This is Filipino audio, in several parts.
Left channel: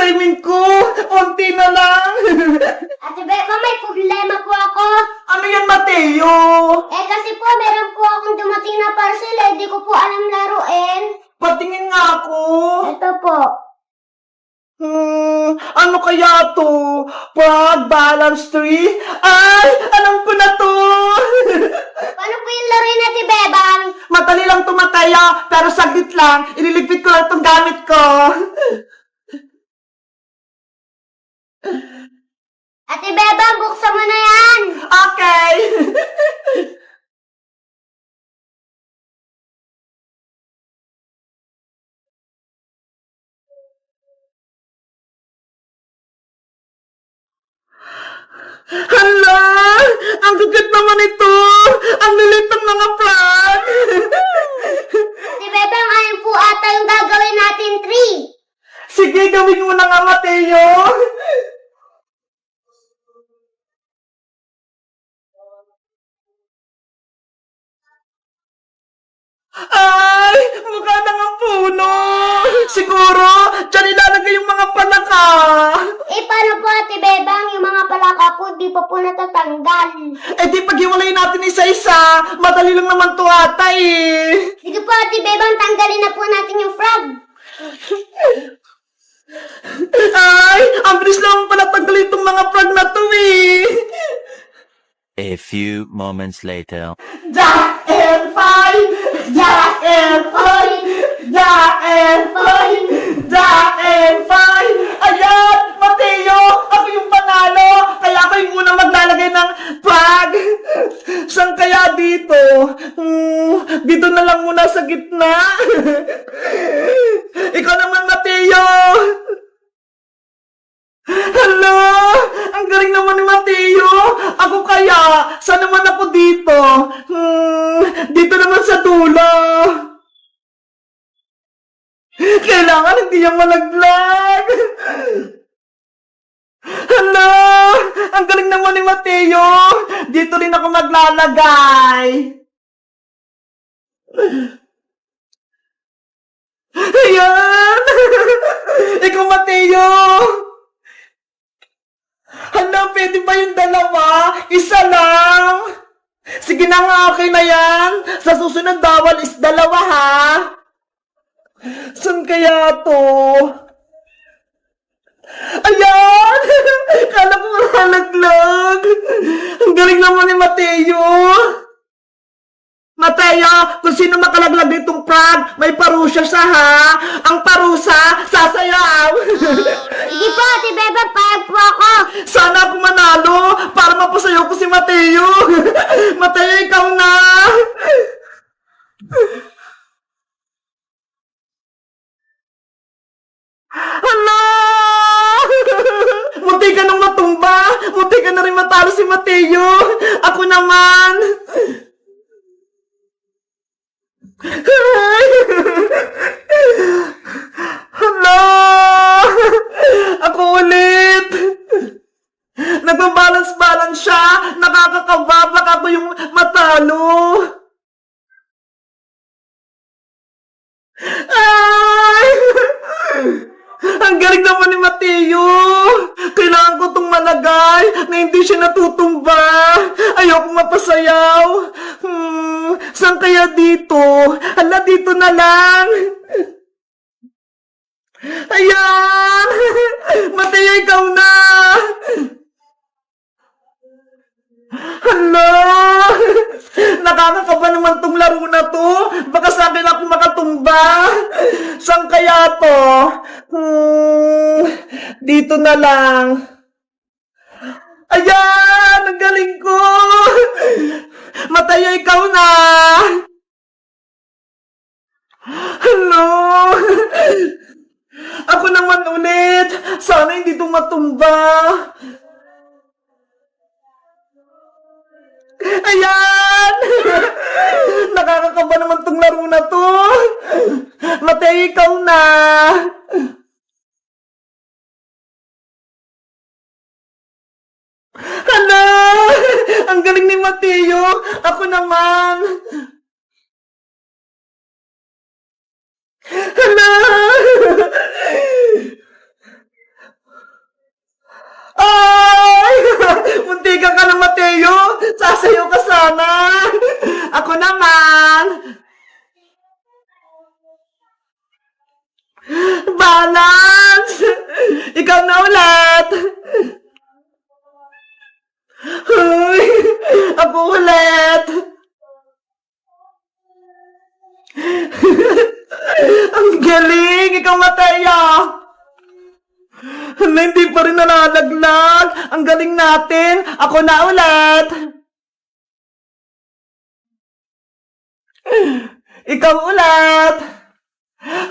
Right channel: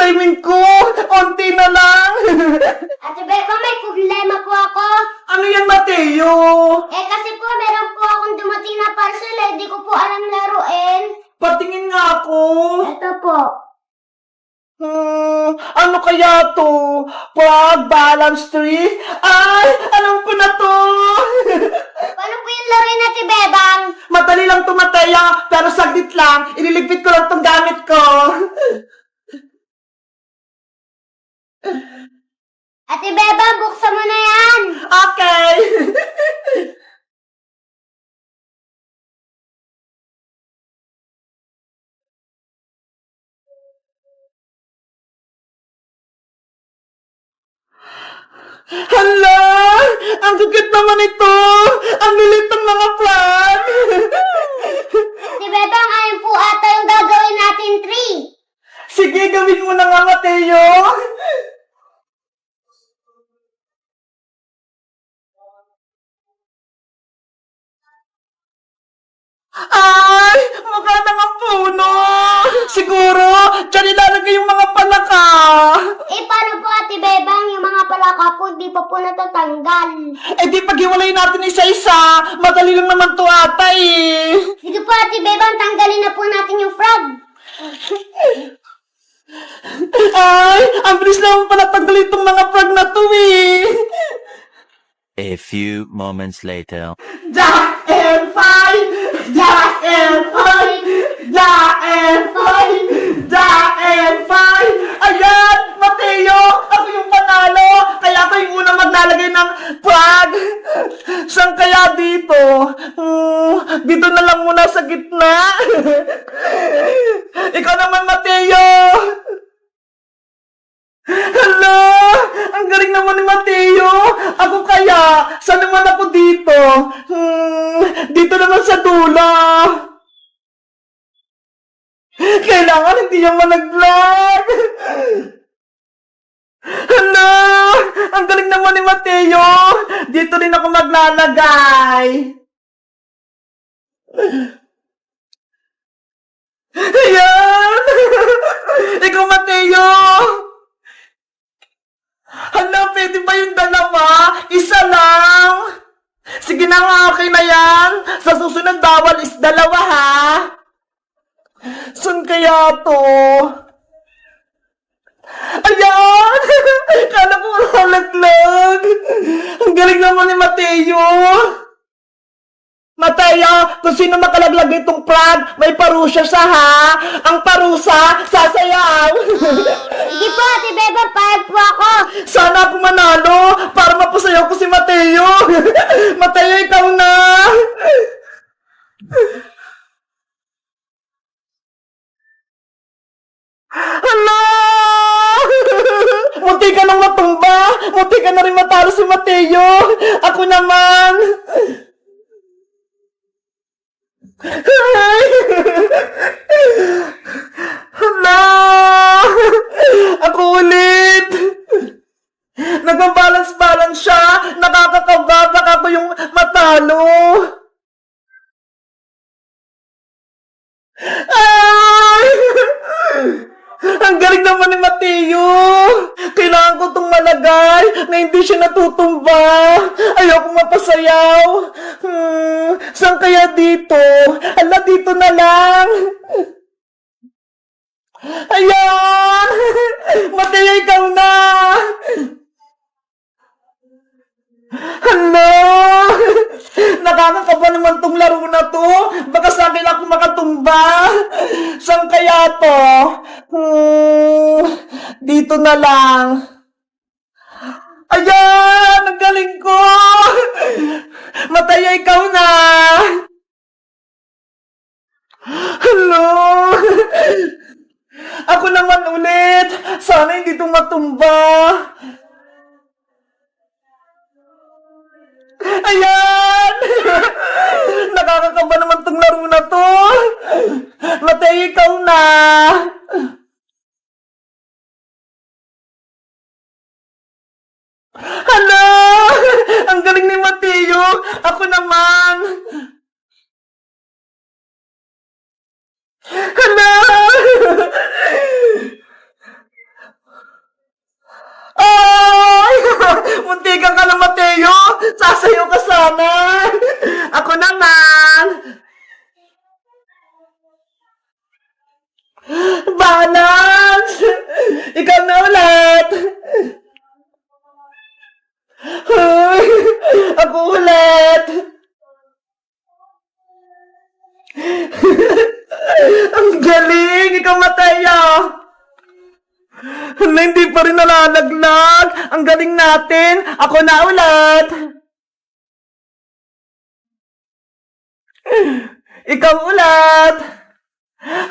assignment ko. Onti na lang. Ate Beba, may problema po ako. Ano yan, Mateo? Kasi po, meron po akong dumating na parcel, di ko po alam laruin. Patingin nga ako. Ito po. Ano kaya to? Pag balance tree? Ay, alam ko na to. Paano po yung laruin, Ate Bebang? Madali lang to, Mateo. Pero saglit lang. Ililigpit ko lang tong gamit ko. Ate Bebang, buksan mo na yan. Okay. Hala! Ang kukit naman ito! Ang lilit ng mga plant! Ate Bebang, ayun po ata yung gagawin natin tree. Sige, gawin mo na nga, Mateo! Ay! Mukha na nga puno! Siguro, dyan ilalagay yung mga palaka! Paano po, Ate Bebang, yung mga palaka po, di pa po natatanggal. Di paghiwalay natin isa-isa, madali lang naman to ata eh! Sige po, Ate Bebang, tanggalin na po natin yung frog. Ay! Ang bilis naman pala tanggalin itong mga frog na to eh! A few moments later. Jack and Fine! Jack and Fine! Jack and Fine! Jack and Fine! Ayan! Mateo! Ako yung panalo! Kaya ako yung unang maglalagay ng frog! Saan kaya dito? Dito na lang muna sa gitna! Ikaw naman, Mateo! Hala! Ang galing naman ni Mateo! Ako kaya? Saan naman ako dito? Dito naman sa dulo! Kailangan hindi niya malaglag! Hala! Ang galing naman ni Mateo! Dito rin ako maglalagay! Ayan! Ikaw, Mateo! Hala, pwede ba yung dalawa? Isa lang! Sige na nga, okay na yan. Sa susunod bawal is dalawa, ha? Saan kaya to? Ayan! Kala ko malalaglag. Ang galing naman ni Mateo. Mateo, kung sino makalaglag ditong frog, may parusa siya, ha? Ang parusa, sasayaw. Sige po, Ate Bebang, payag po ako. Sana ako manalo para mapasayaw ko si Mateo. Mateo, ikaw na. Hala! Munti ka nang matumba. Munti ka na rin matalo si Mateo. Ako naman. Hala! Ako ulit! Nagbabalance-balance siya! Nakakakaba! Baka ako yung matalo! Ay! Ang galing naman ni Mateo! Kailangan ko itong malagay na hindi siya natutumba! Ayoko mapasayaw! Saan kaya dito? Hala, dito na lang! Ayan! Mateo, ikaw na! Hala! Nakakakaba naman tong laro na to. Baka sa akin ako makatumba. Saan kaya to? Dito na lang. Ayan! Ang galing ko! Mateo, ikaw na! Hello! Ako naman ulit! Sana hindi ito matumba! Ayan! Nakakakaba naman tong laro na to! Mateo, ikaw na! Hala! Ang galing ni Mateo! Ako naman! Hala! muntikan ka na, Mateo! Sasayaw ka sana! Ako naman! Balance! Ikaw na ulit! Ay, ako ulit! Ang galing! Ikaw, Mateo! Hala, hindi pa rin nalalaglag. Ang galing natin. Ako na ulit. Ikaw ulit.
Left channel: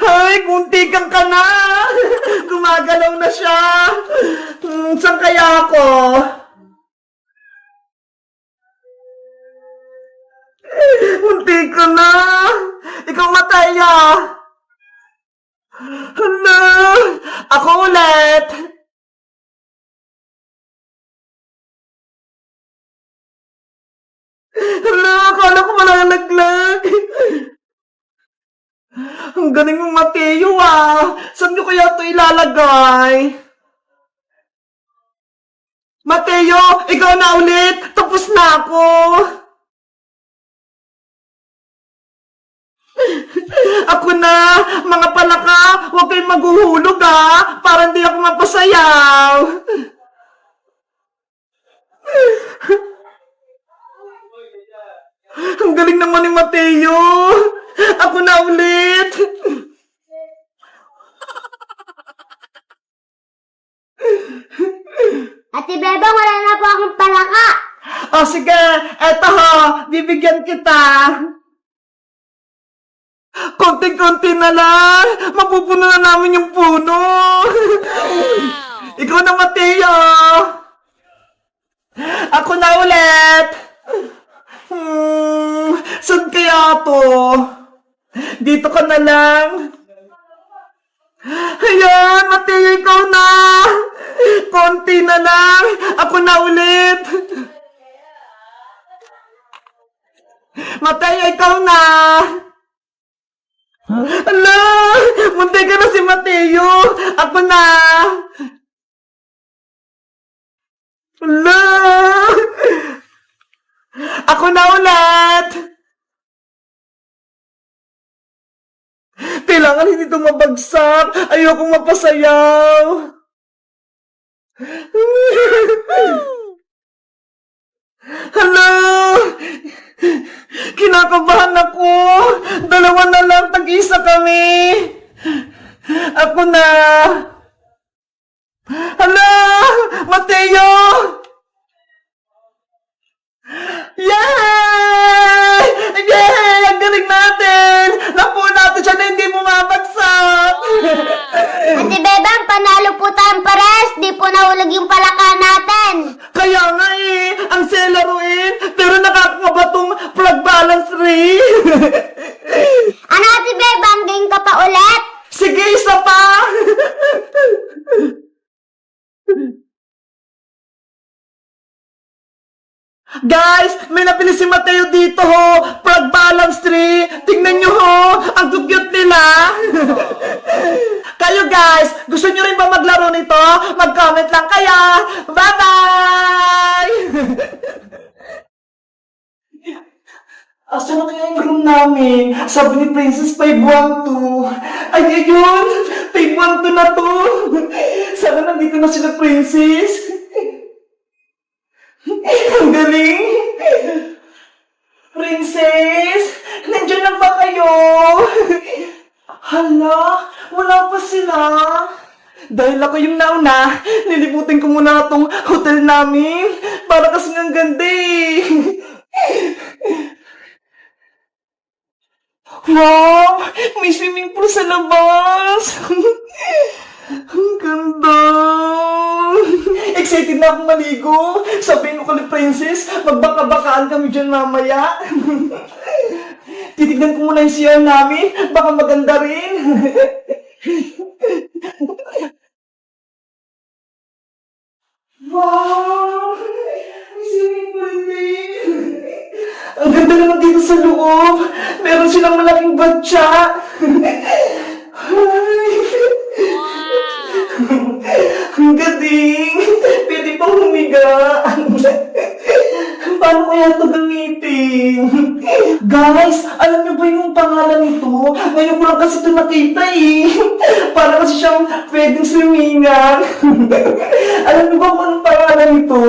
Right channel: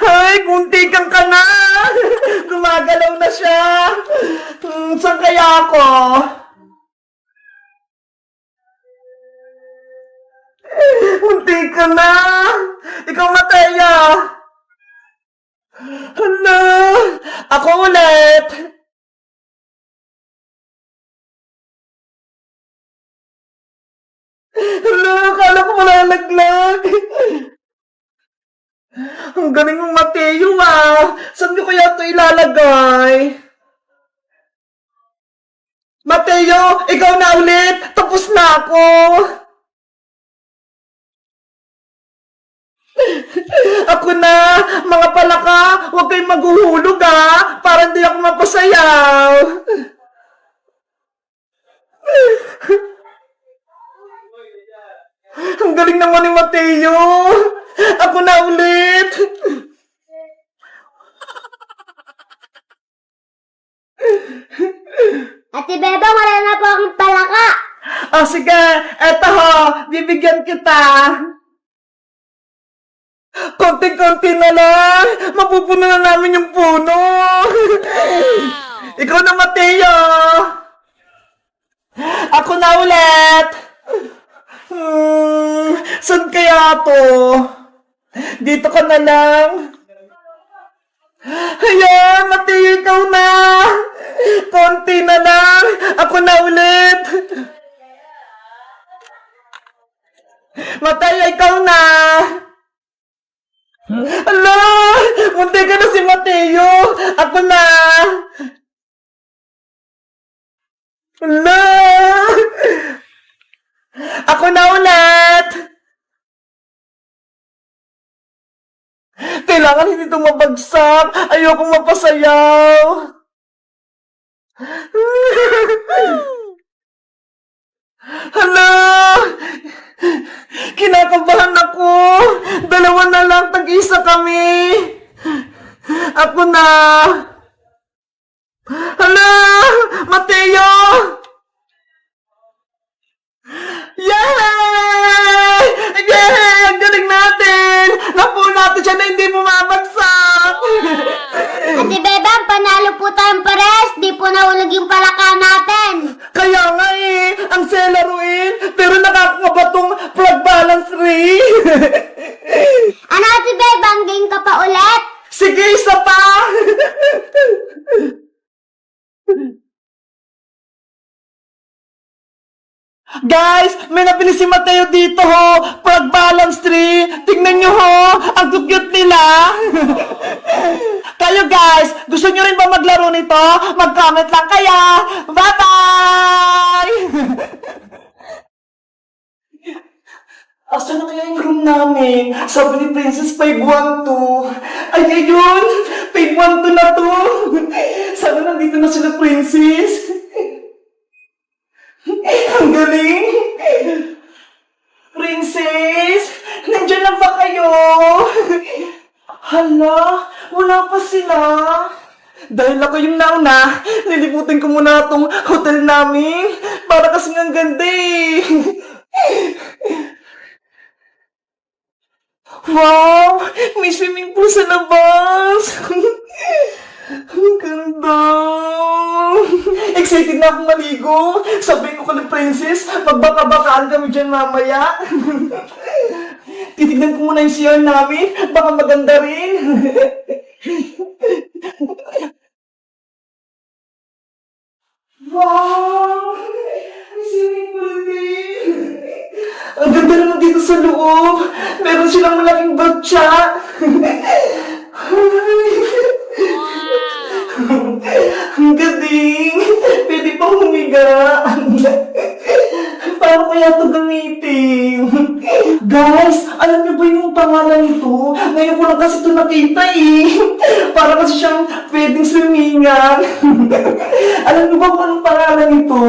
Ay, muntikan ka na. Gumagalaw na siya. Saan kaya ako? Muntikan na. Ikaw, Mataya. Hala! Ako ulit! Hala! Akala ko malalaglag! Ang galing mong, Mateo, ah! Saan niyo kaya ito ilalagay? Mateo! Ikaw na ulit! Tapos na ako! Ako na, mga palaka, huwag kayong maghuhulog, ha, para hindi ako mapasayaw. Ang galing naman ni Mateo. Ako na ulit. Ate Bebang, wala na po akong palaka. O sige, eto ho, bibigyan kita. Konting-konti na lang. Mapupuno na namin yung puno. Ikaw na, Mateo. Ako na ulit. Saan kaya to? Dito ka na lang. Ayan, Mateo, ikaw na. Konti na lang. Ako na ulit. Mateo, ikaw na. Ala! Muntay ka na si Mateo! Ako na! Ala! Ako na ulit! Kailangan hindi ito mabagsak! Ayokong mapasayaw! Hala! Kinakabahan ako! Dalawa na lang, tag-isa kami! Ako na! Hala! Mateo! Yay! Yay! Ang galing natin! Napuo natin siya na hindi bumabagsak! Ate Bebang, panalo po tayong pares. Di po nahulog yung palaka natin. Kaya nga eh, ang selaruin, pero nakakaba tong plug balance ring. Ano, Ate Bebang, game ka pa ulit? Sige, isa pa. Guys, may napili si Mateo dito ho. Plug balance tree. Tingnan nyo ho, ang cute nila. Kayo guys, gusto nyo rin ba maglaro nito? Mag-comment lang kayo. Bye-bye! Asa na kaya yung room namin? Sabi ni Princess 512. Ay, ayun! 512 na to! Sabi nandito na sila, Princess. Ang galing! Princess! Nandiyan na ba kayo? Hala, wala pa sila. Dahil ako yung nauna, nilibutin ko muna itong hotel namin. Para kasing ang ganda eh. Wow! May swimming pool sa labas! Ang ganda! Excited na akong maligo! Sabihin ko kay Princess, magbaka-bakaan kami dyan mamaya. Titignan ko muna yung CR namin, baka maganda rin. Wow! May swimming pool din! Ang ganda naman dito sa loob. Meron silang malaking batya. Ang galing. Pwede pang humiga. kaya ito gamitin? Guys, alam niyo ba yung pangalan nito? Ngayon ko lang kasi ito nakita eh. Para kasi siyang pwedeng swimingan. Alam niyo ba kung anong pangalan nito?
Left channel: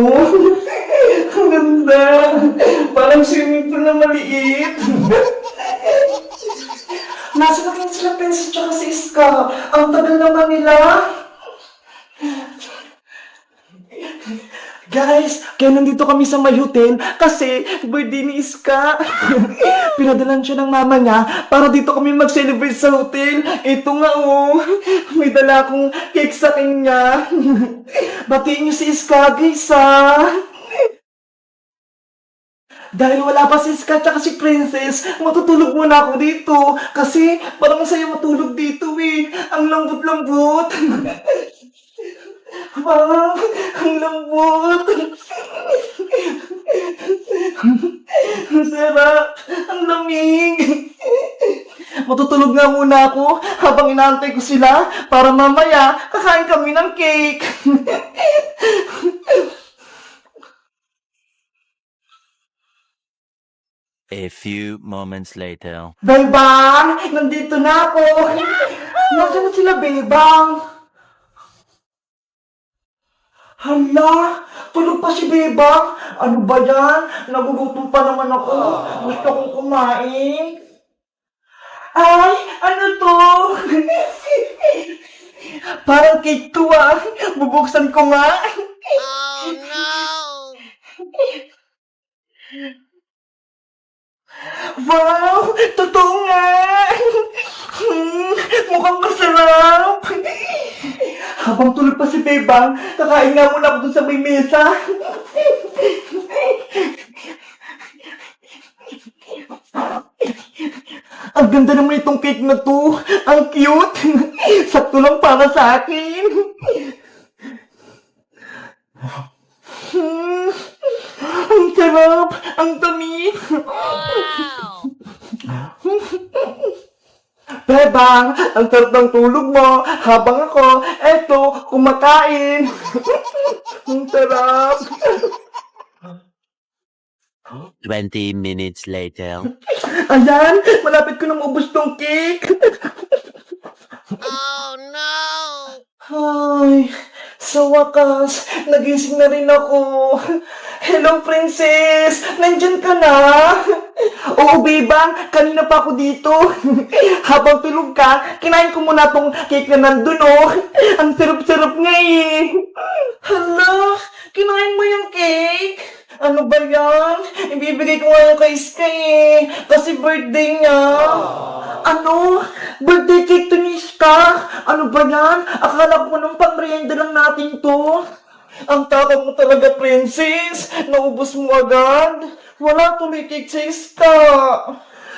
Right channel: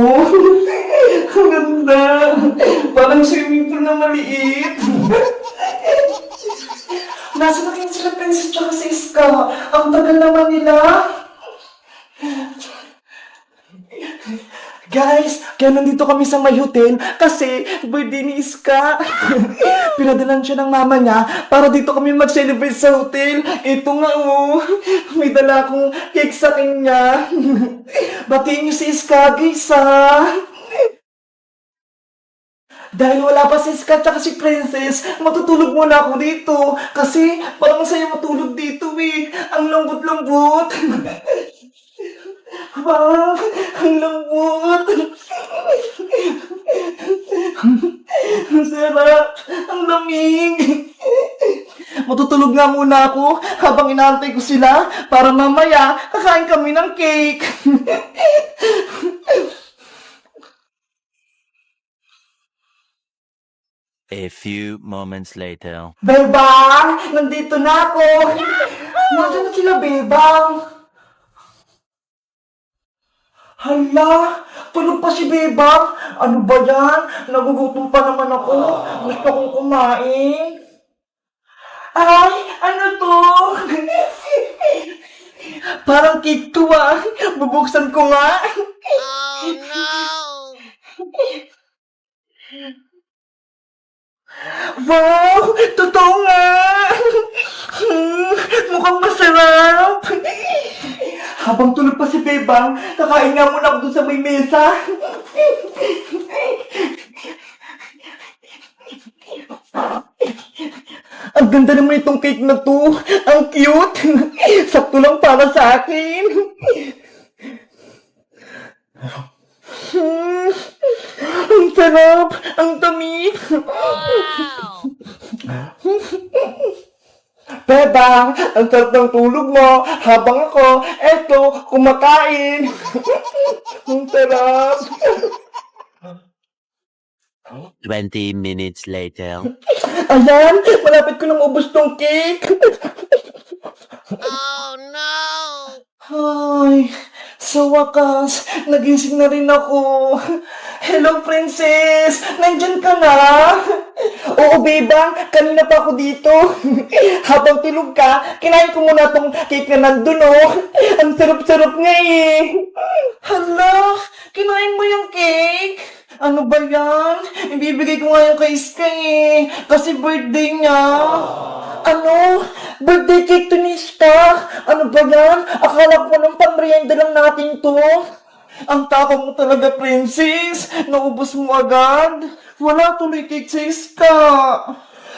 Ang ganda. Parang swimming pool na maliit. Nasa na kayo sila Princess tsaka si Iska? Ang tagal naman nila. Guys, kaya nandito kami sa may hotel kasi birthday ni Iska. Pinadalan siya ng mama niya para dito kami mag-celebrate sa hotel. Ito nga oh, may dala akong cake sa kanya. Batiin niyo si Iska, guys ah. Dahil wala pa si Iska at si Princess, matutulog muna ako dito. Kasi parang masaya matulog dito eh. Ang lambot-lambot. Wow, ang lambot. Ang sarap. Ang lamig. Matutulog nga muna ako habang inaantay ko sila para mamaya kakain kami ng cake. A few moments later. Bebang, nandito na ako. Nasaan na sila, Bebang? Hala, tulog pa si Bebang. Ano ba yan? Nagugutom pa naman ako. Gusto kong kumain. Ay, ano to? Parang cake to ah. Bubuksan ko nga. Oh no! Wow! Totoo nga! Mukhang masarap! Habang tulog pa si Bebang, kakain nga muna ako dun sa may mesa. Ang ganda naman itong cake na to. Ang cute! Sakto lang para sa akin. Ang sarap! Ang dami! Wow! Bebang, ang sarap ng tulog mo habang ako, eto, kumakain. Ang sarap! 20 minutes later. Ayan, malapit ko na maubos tong cake. Oh no! Ay, sa wakas, nagising na rin ako. Hello, Princess! Nandyan ka na? Oo, Bebang, kanina pa ako dito. Habang tulog ka, kinain ko muna tong cake na nandun, oh. Ang sarap-sarap nga eh. Hala, kinain mo yung cake? Ano ba yan? Ibibigay ko nga yung kay Iska eh. Kasi birthday niya. Ano? Birthday cake to ni Iska? Ano ba yan? Akala ko nung pang-merienda lang natin to. Ang takot mo talaga, Princess. Naubos mo agad. Wala tuloy cake sa Iska.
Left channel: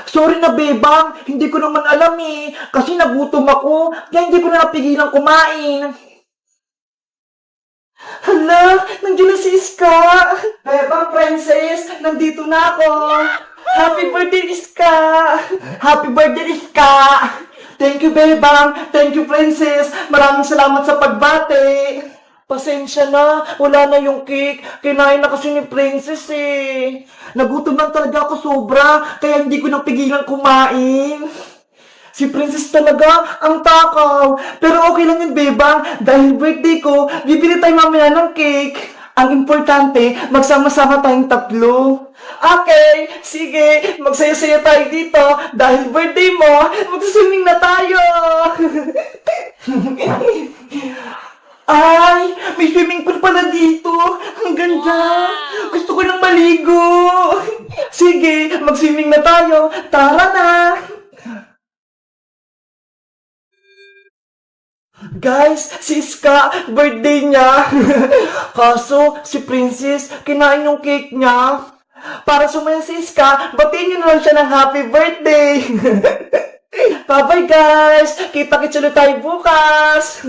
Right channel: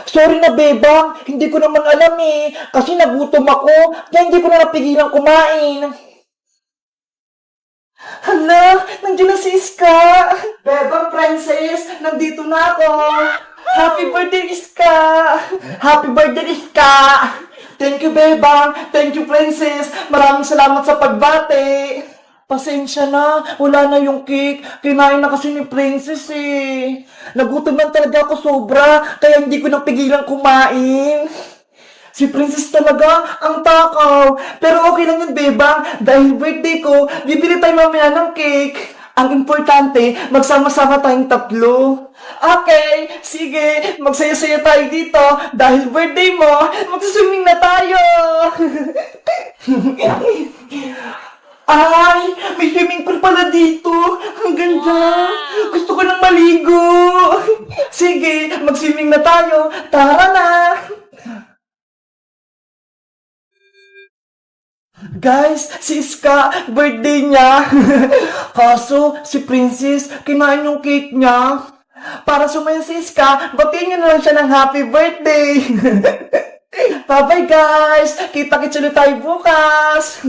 Sorry na, Bebang. Hindi ko naman alam eh. Kasi nagutom ako. Kaya hindi ko na napigilan kumain. Hala, nandiyan na si Iska. Bebang, Princess, nandito na ako. Happy birthday, Iska. Happy birthday, Iska. Thank you, Bebang. Thank you, Princess. Maraming salamat sa pagbati. Pasensya na, wala na yung cake. Kinain na kasi ni Princess eh. Nagutom lang talaga ako sobra, kaya hindi ko nang pigilan kumain. Si Princess talaga, ang takaw. Pero okay lang yun, Bebang. Dahil birthday ko, bibili tayo mamaya ng cake. Ang importante, magsama-sama tayong tatlo. Okay, sige, magsaya-saya tayo dito. Dahil birthday mo, magsaswimming na tayo. Ay, may swimming pool pala dito. Ang ganda. Gusto ko nang maligo. Sige, mag-swimming na tayo. Tara na. Guys, si Iska, birthday niya. Kaso, si Princess, kinain yung cake niya. Para sumaya si Iska, batiin niyo na lang siya ng happy birthday. Bye-bye guys! Kita-kits ulit tayo bukas!